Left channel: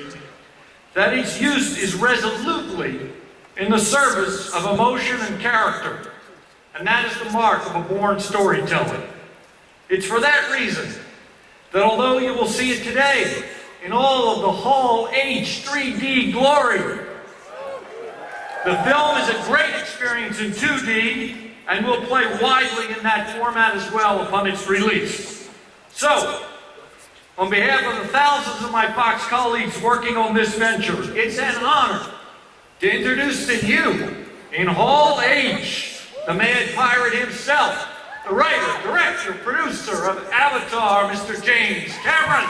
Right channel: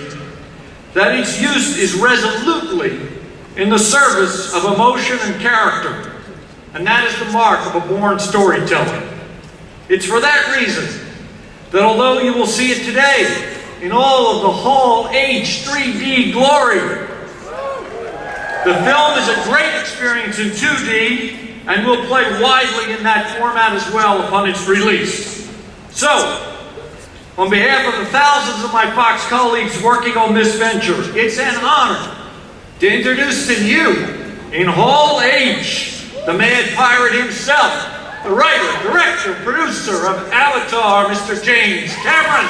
certainty that its use is resolutely in the service of emotion and character, and that is the mark of a born storyteller. It's for that reason that although you will see it today in all of the HallH 3D glory, the film is a great experience in 2D and will play widely in that format as well upon its release. So, on behalf of the thousands of my Fox colleagues working on this venture, it's an honor to introduce to you, in HallH, the Mad Pirate himself, the writer, director, producer of Avatar, Mr. James Cameron.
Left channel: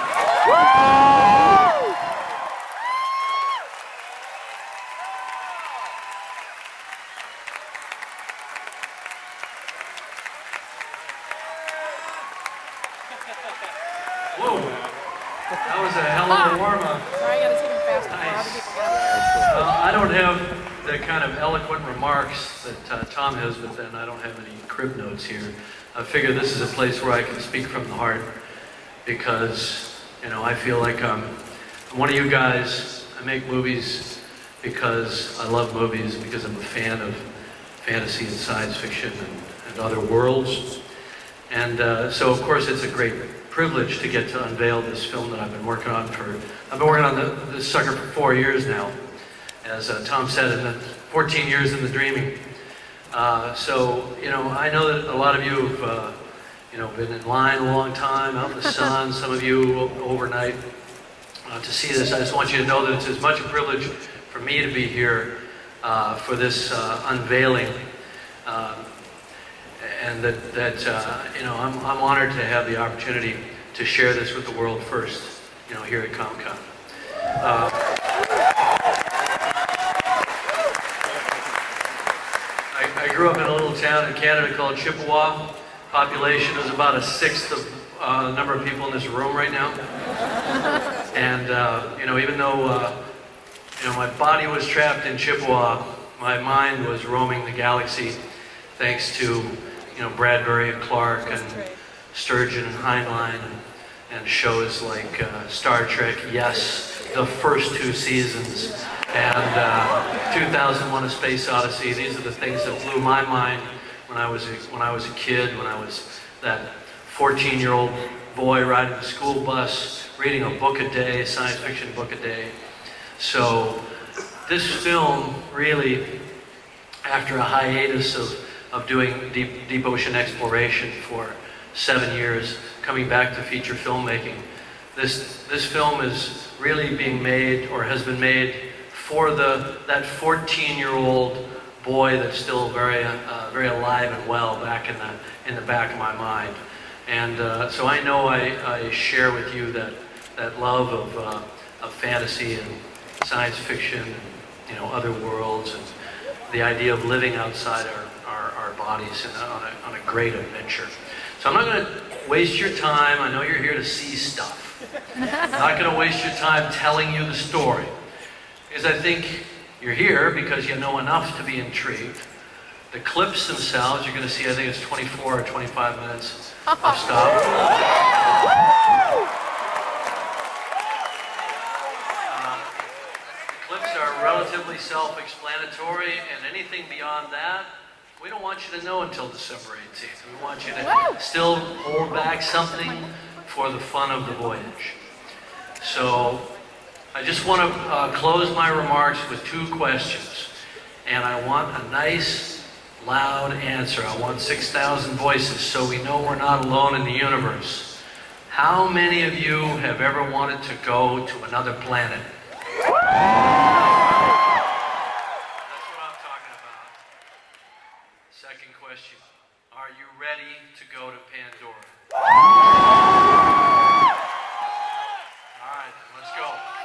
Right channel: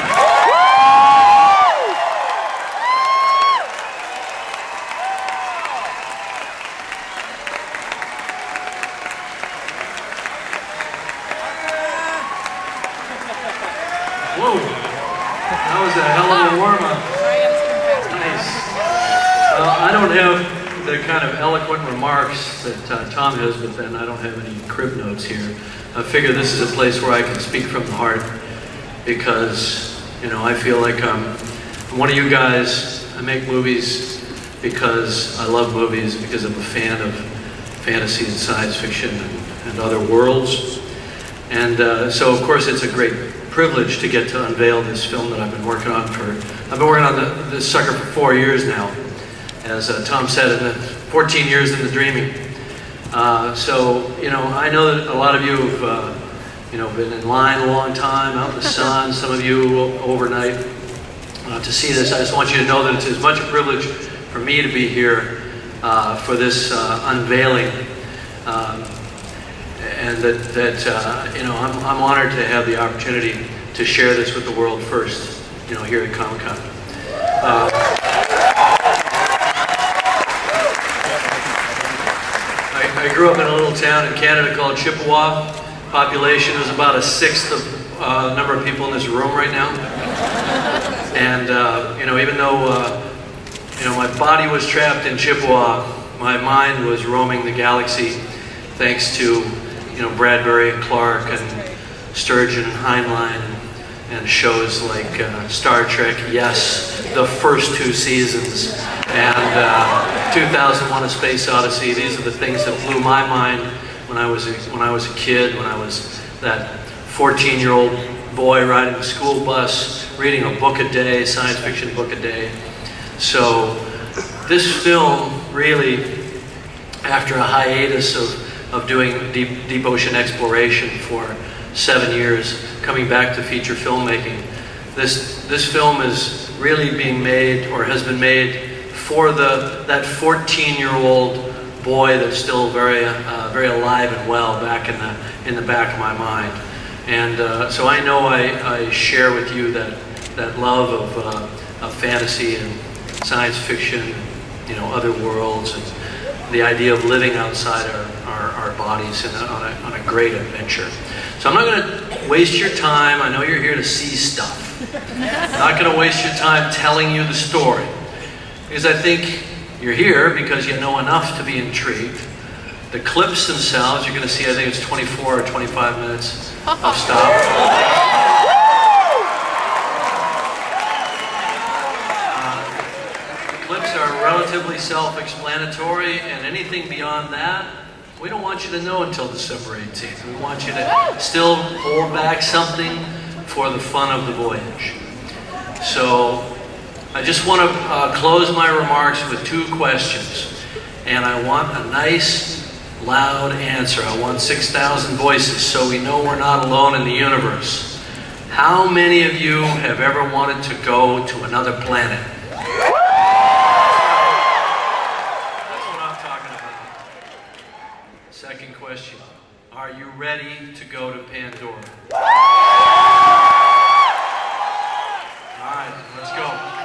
Whoa, that was a hell of a warm-up. Nice. I don't have the kind of eloquent remarks that Tom has, but then I don't have any crib notes here. I figure this is a place where I can speak from the heart because, you know, I feel like I'm one of you guys. I make movies because I love movies, because I'm a fan of fantasy and science fiction and other worlds. And so, of course, it's a great privilege to get to unveil this film that I've been working on this sucker for 4 years now. As Tom said, in the 14 years in the dreaming. So, you know, I know that a lot of you have, you know, been in line a long time, out in the sun, some of you overnight to see this. I just want you to know that it's as much a privilege for me to be here for this unveiling. And that you know, I'm honored to have the opportunity to share this with the world first, you know, here at Comic-Con. I grew up in a little town in Canada called Chippewa. Population is about a sixth of the number of people in this room right now. And you know, even though you know, my body was trapped in Chippewa, my mind was roaming the galaxy, thanks to, you know, Bradbury and Clark and Sturgeon and Heinlein and shows like Star Trek, yes, the first 2 seasons, and 2001: A Space Odyssey. These are the things that blew my mind when I was a kid, when I was that 14-year-old boy riding a school bus, reading a book a day, science fiction book a day. So this film really, after a hiatus of doing deep ocean exploration for 7 years, coming back to feature filmmaking, this film is really being made, or has been made, for that 14-year-old boy that's still very alive and well back in the back of my mind. And so I know I share with you that love of fantasy and science fiction, you know, other worlds, and the idea of living outside our bodies on a great adventure. So I'm not going to waste your time. I know you're here to see stuff. I'm not going to waste your time telling you the story, because I think you're here because you know enough to be intrigued. The clips themselves, you're going to see, I think it's 24 or 25 minutes of stuff. Clips are relatively self-explanatory, and anything beyond that, we don't want you to know until December 18th. We want you to still hold back something for the fun of the voyage. So I just want to close my remarks with 2 questions, and I want a nice, loud answer. I want 6,000 voices so we know we're not alone in the universe. How many of you have ever wanted to go to another planet? Second question, are you ready to go to Pandora? All right, let's go.